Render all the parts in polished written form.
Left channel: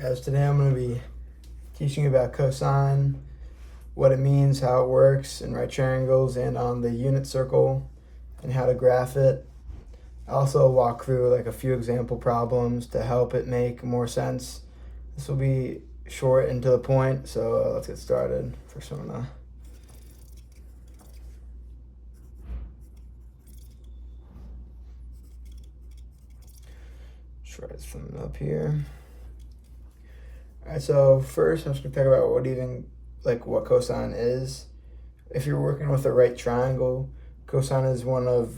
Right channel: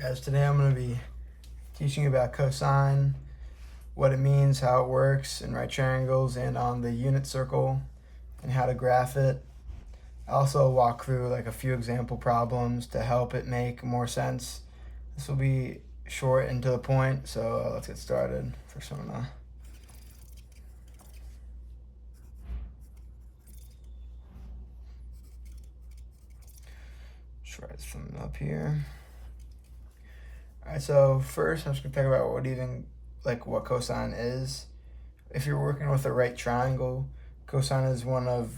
Guys, today I'm going to be teaching you about cosine, what it means, how it works in right triangles and on the unit circle, and how to graph it. I also walk through like a few example problems to help it make more sense. This will be short and to the point, so let's get started. First I'm going to try this from up here. Alright, so first I'm just going to talk about what cosine is. If you're working with a right triangle, cosine is one of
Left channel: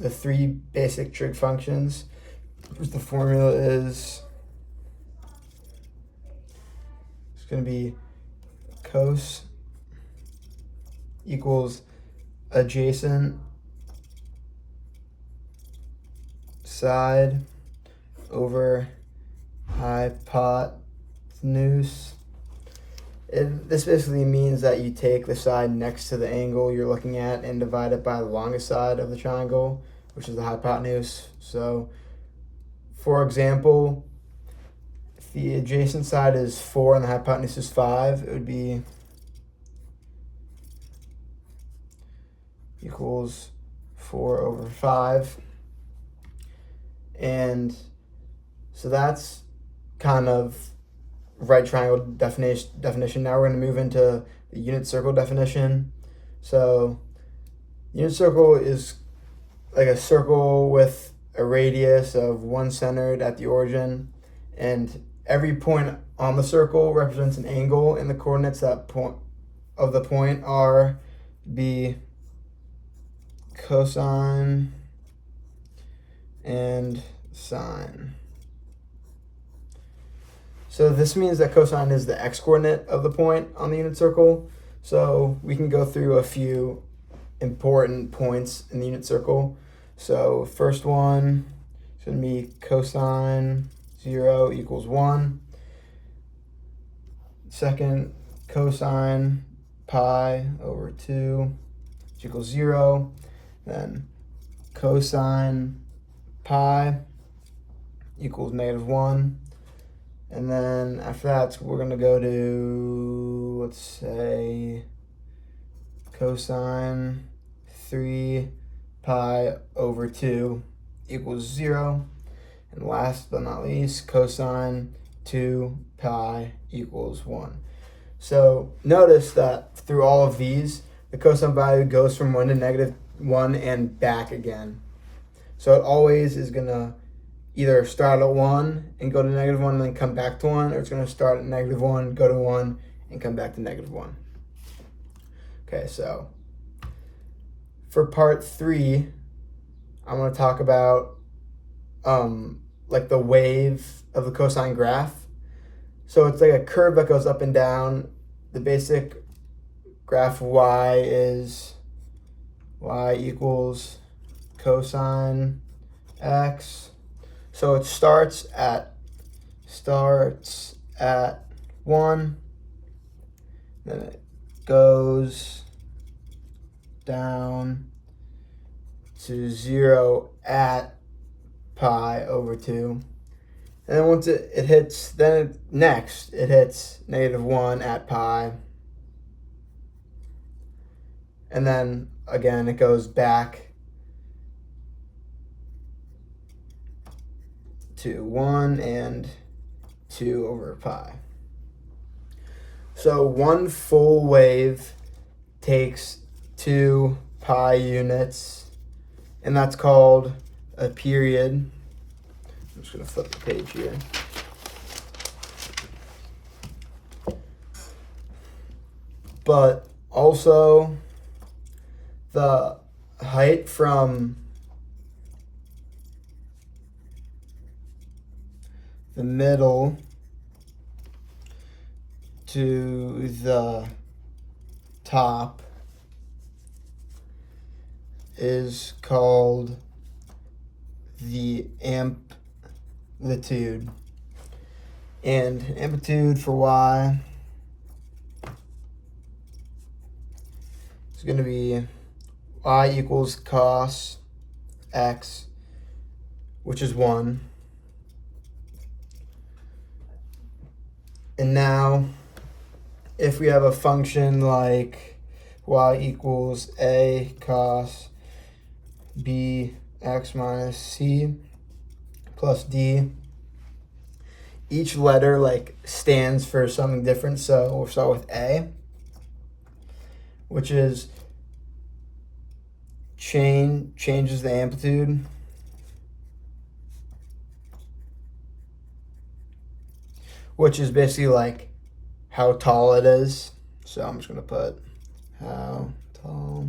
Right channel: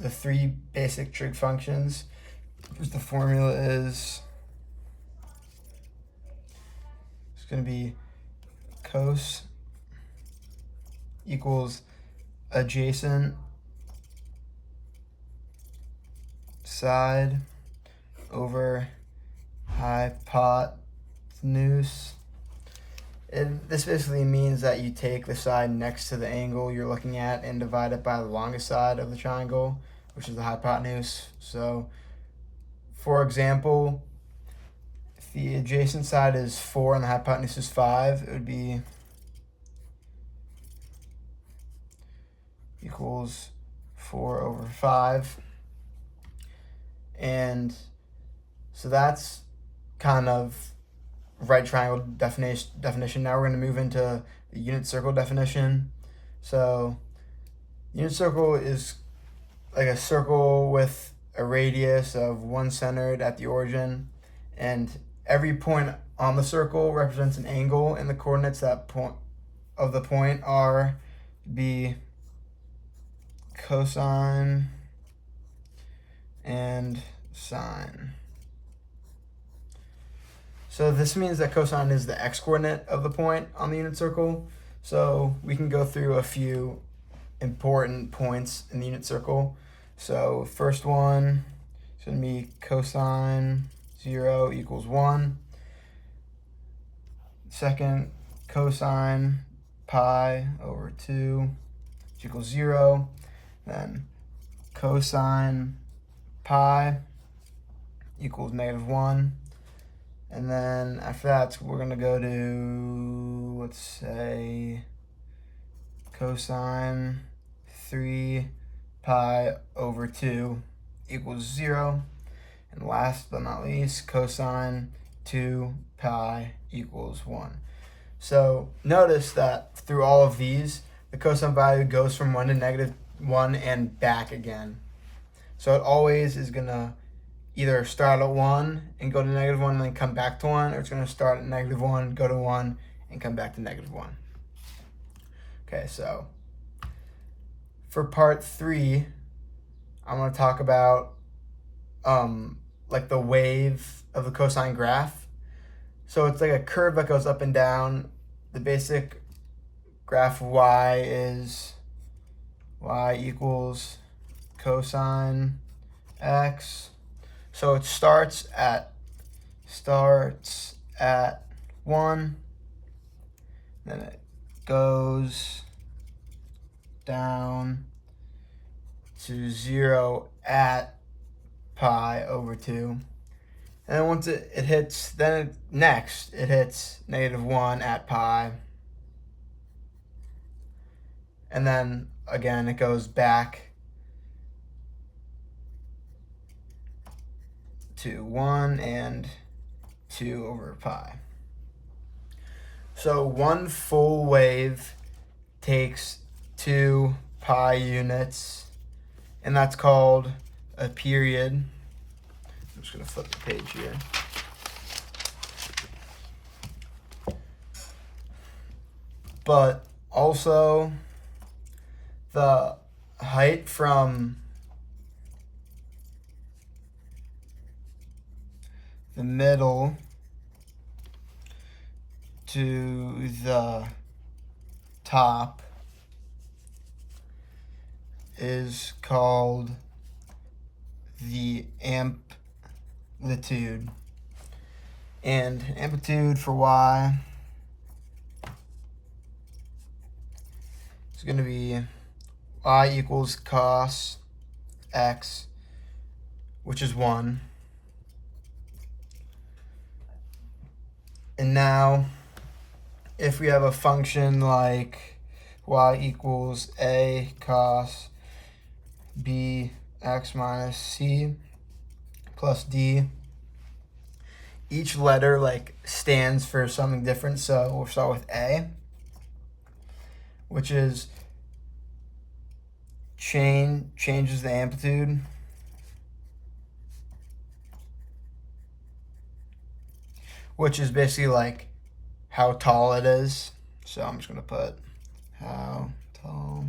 the three basic trig functions. The formula is it's going to be cos equals adjacent side over hypotenuse. This basically means that you take the side next to the angle you're looking at and divide it by the longest side of the triangle, which is the hypotenuse. So, for example, if the adjacent side is 4 and the hypotenuse is 5, it would be equals 4 over 5. And so that's kind of right triangle definition. Now we're going to move into the unit circle definition. So unit circle is like a circle with a radius of 1 centered at the origin, and every point on the circle represents an angle, and the coordinates that point of the point are be cosine and sine. So this means that cosine is the x-coordinate of the point on the unit circle. So we can go through a few important points in the unit circle. So first one is going to be cosine 0 equals 1. Second, cosine pi over 2 equals 0. Then cosine pi equals -1. And then after that, we're going to go to, let's say, cosine 3 pi over 2 equals 0. And last but not least, cosine 2 pi equals 1. So notice that through all of these, the cosine value goes from 1 to -1 and back again. So it always is going to either start at 1 and go to -1 and then come back to 1, or it's going to start at -1, go to 1, and come back to -1. Okay, so for part 3, I'm going to talk about like the wave of the cosine graph. So it's like a curve that goes up and down. The basic graph of y is y equals cosine x. So it starts at 1, then it goes down to 0 at pi over 2. And then once it hits, it hits -1 at pi. And then again, it goes back to 1 and 2 over pi. So one full wave takes 2 pi units, and that's called a period. I'm just going to flip the page here. But also the height from the middle to the top is called the amplitude. And amplitude for y is going to be y equals cos x, which is 1, And now, if we have a function like y equals a cos b x minus c plus d, each letter like stands for something different. So we'll start with a, which is changes the amplitude. Which is basically like how tall it is. So I'm just gonna put how tall.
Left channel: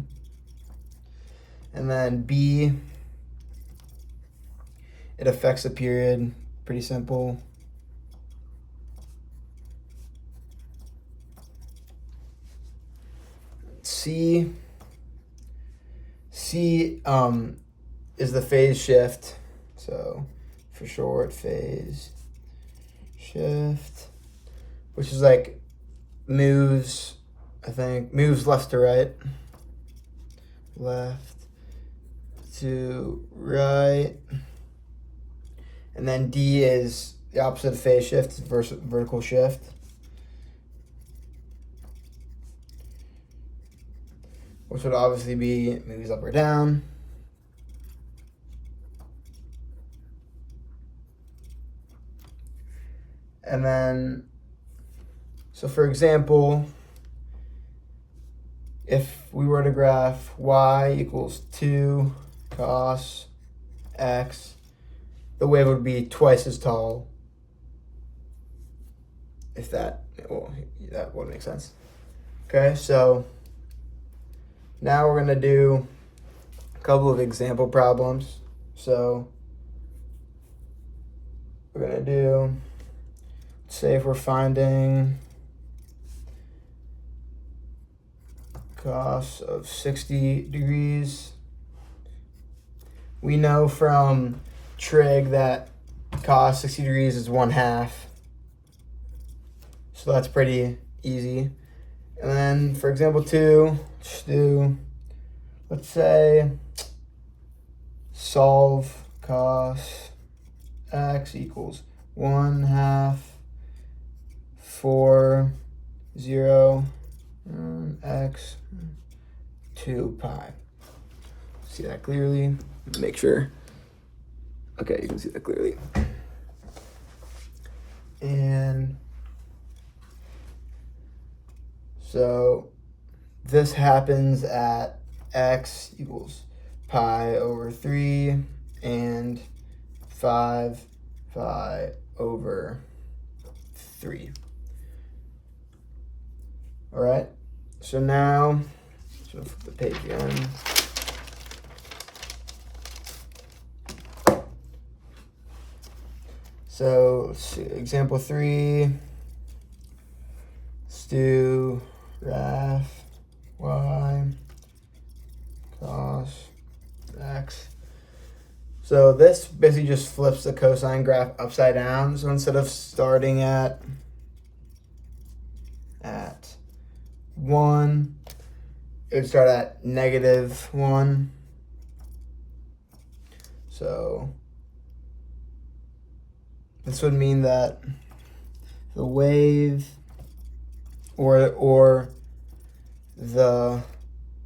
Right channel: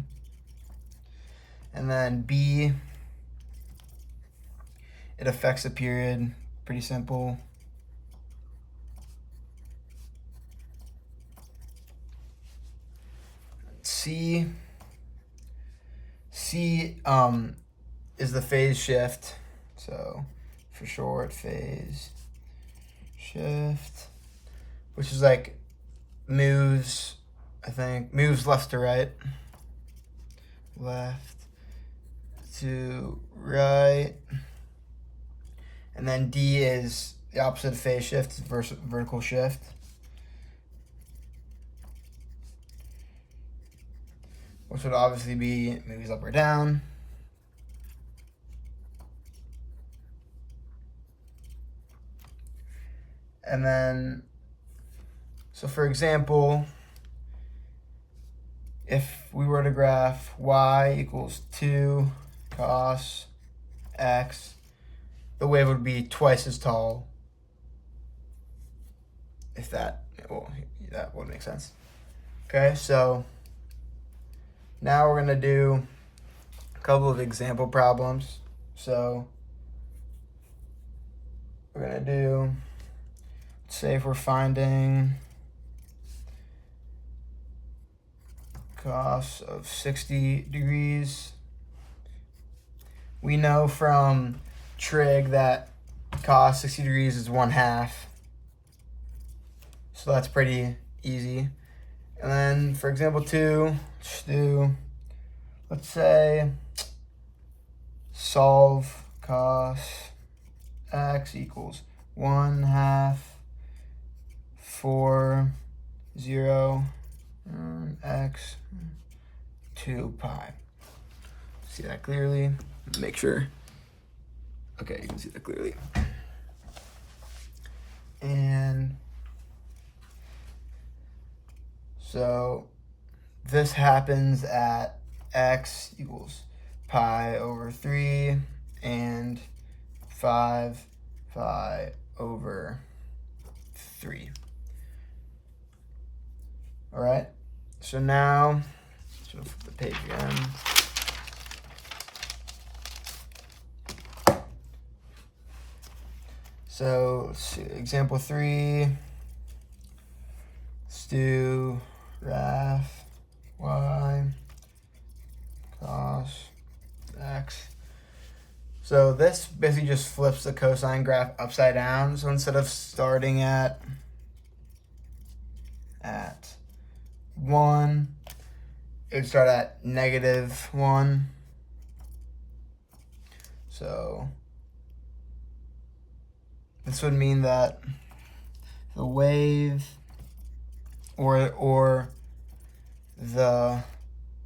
And then B, it affects the period. Pretty simple. C is the phase shift. So for short, phase shift, which is like moves left to right. Left to right. And then D is the opposite of phase shift, vertical shift. Which would obviously be moves up or down. And then, so for example, if we were to graph y equals 2 cos x, the wave would be twice as tall. If that would make sense. Okay, so now we're gonna do a couple of example problems. So we're gonna do, say if we're finding cos of 60 degrees, we know from trig that cos 60 degrees is 1/2. So that's pretty easy. And then for example 2, let's say solve cos x equals 1/2 4 0 x 2 pi. See that clearly? Make sure. Okay, you can see that clearly. And so this happens at x equals pi over 3 and 5 pi over 3. All right, so now, flip the page again. So let's see, example 3, let's do graph y cos x. So this basically just flips the cosine graph upside down. So instead of starting at 1, it would start at -1. So this would mean that the wave or the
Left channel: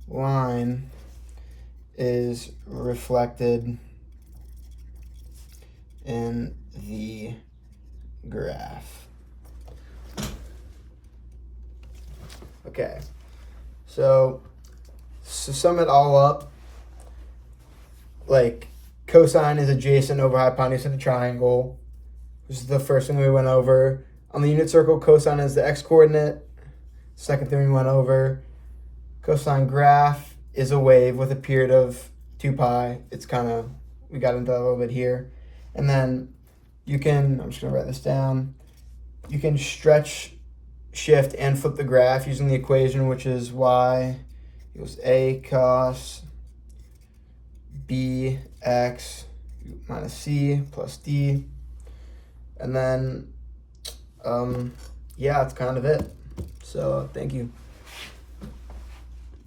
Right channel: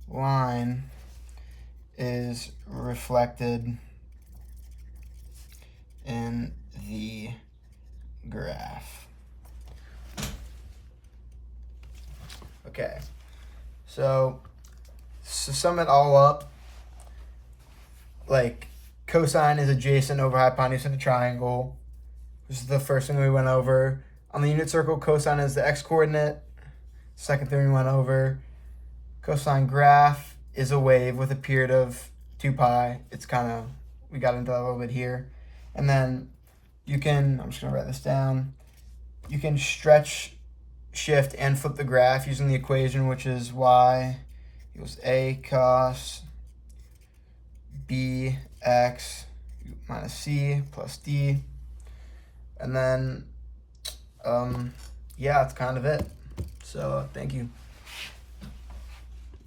line is reflected in the graph. Okay, so sum it all up, like cosine is adjacent over hypotenuse in a triangle. This is the first thing we went over. On the unit circle, cosine is the x-coordinate. Second thing we went over. Cosine graph is a wave with a period of 2 pi. It's kind of, we got into that a little bit here. And then you can, I'm just gonna write this down. You can stretch, shift, and flip the graph using the equation, which is y equals a cos b x minus c plus d. And then, yeah, that's kind of it. So thank you.